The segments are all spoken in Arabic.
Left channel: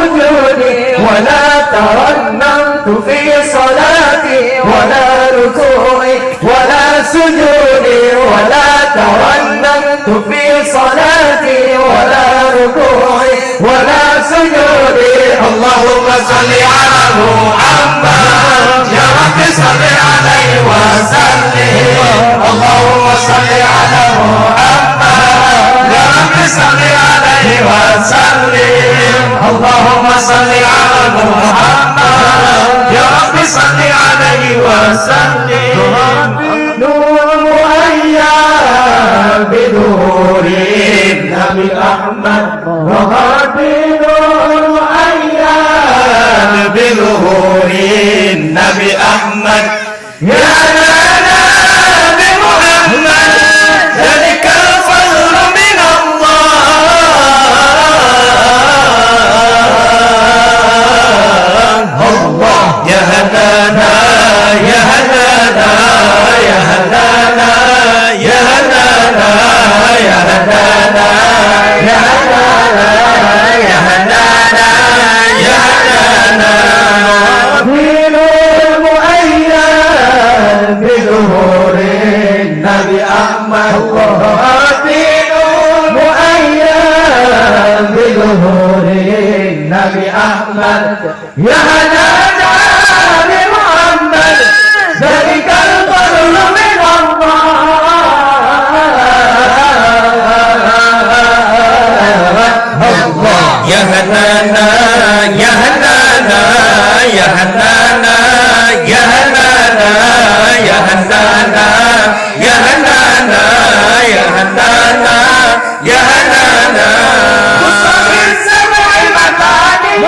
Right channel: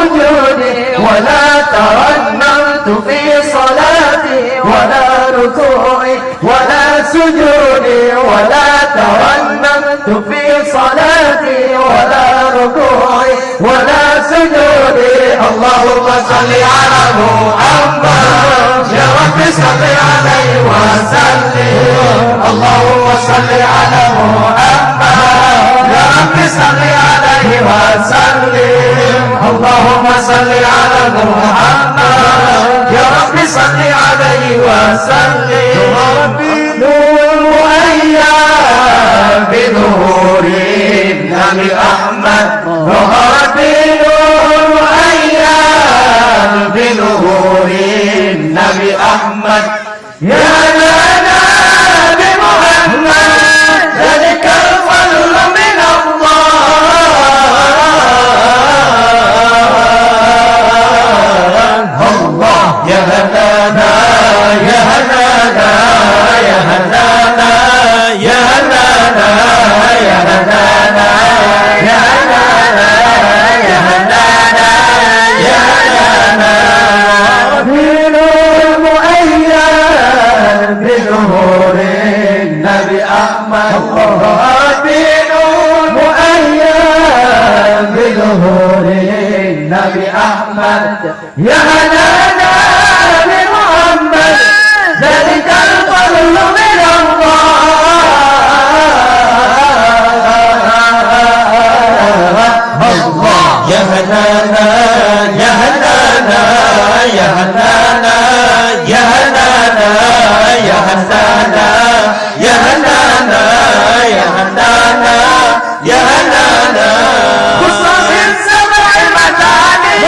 سجودي ولا ترنمت في صلاتي ولا ركوعي ولا سجودي ولا ترنمت في صلاتي ولا ركوعي ولا سجودي. اللهم صل على محمد يا رب صل عليه وسلم. اللهم صل على محمد يا رب صل عليه وسلم. اللهم صل على محمد يا رب صل عليه وسلم. نور مؤيد بظهور النبي أحمد ظهر بنور مؤيد بظهور النبي أحمد. يا نبي محمد ذلك الفضل من الله. يا هنانا يا هنانا يا هنانا يا هنانا يا هنانا يا هنانا يا هنانا يا هنانا. دين مؤيد بظهور النبي أحمد. دين مؤيد بظهور النبي أحمد. يا هنانا لمحمد ذلك الفضل من الله. يا هنانا يا هنانا يا هنانا يا هنانا يا هنانا يا هنانا يا هنانا يا هنانا. مصطفى السبع مثاني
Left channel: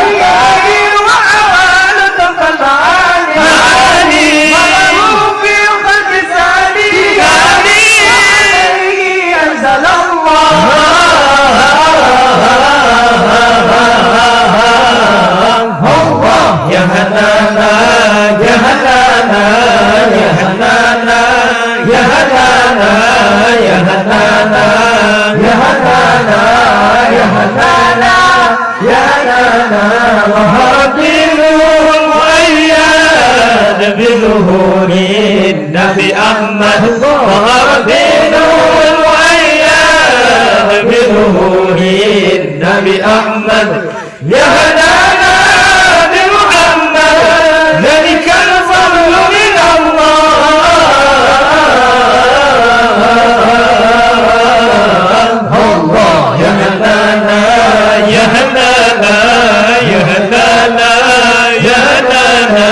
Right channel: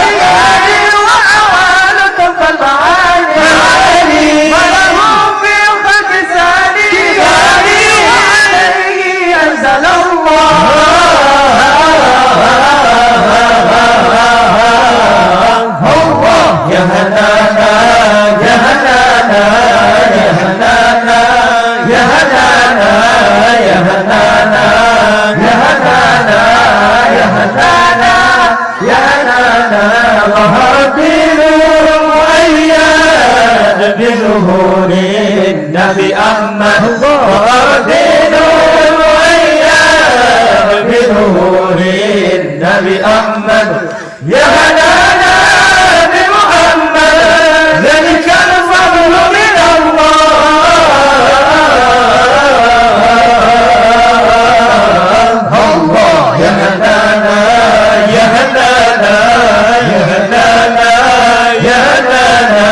وأوان تنفى المعاني وله في الخلق ثاني أنزل الله. يا هنانا يا هنانا يا هنانا يا هنانا يا هنانا يا هنانا يا هنانا يا هنانا. ظهر بنور مؤيد بظهور النبي أحمد. ظهر بنور مؤيد بظهور النبي أحمد. يا هنانا بمحمد ذلك الفضل من الله. يا هنانا يا هنانا يا هنانا يا هنانا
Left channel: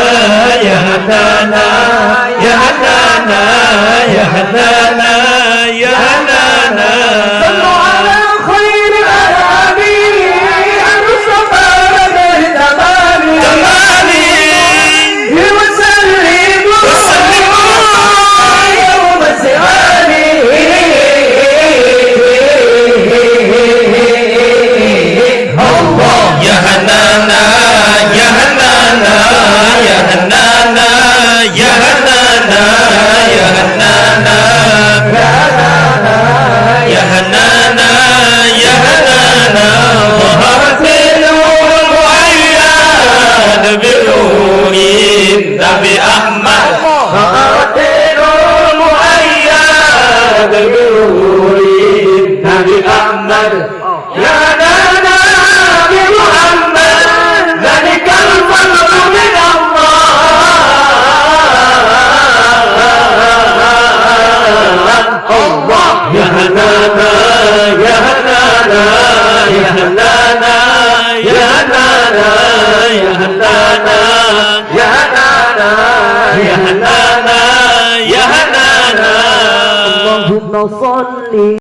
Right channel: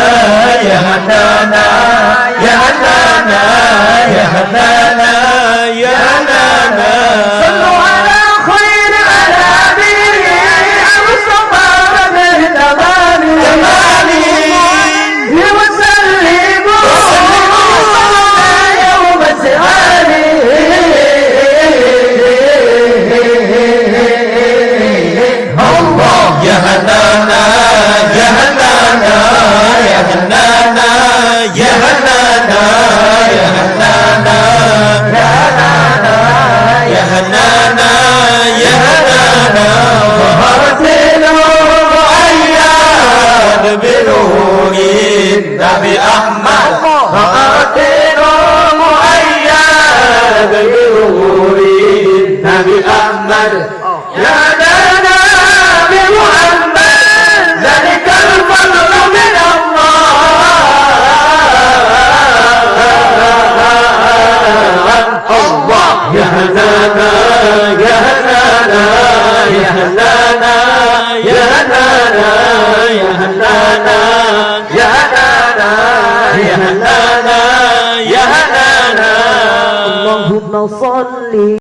يا هنانا يا هنانا يا هنانا يا هنانا. صلوا على خير الأنام المصطفى بدر تمامي وسلموا يوم سواني. يا هنانا يا هنانا يا هنانا يا هنانا يا هنانا يا هنانا يا هنانا. ظهرت بنور مؤيد بنور النبي أحمد. ظهرت بنور مؤيد بنور النبي أحمد. يا هنانا بمحمد ذلك الفضل من الله. يا هنانا يا هنانا يا هنانا يا هنانا يا هنانا يا هنانا يا هنانا يا هنانا. اللهم صل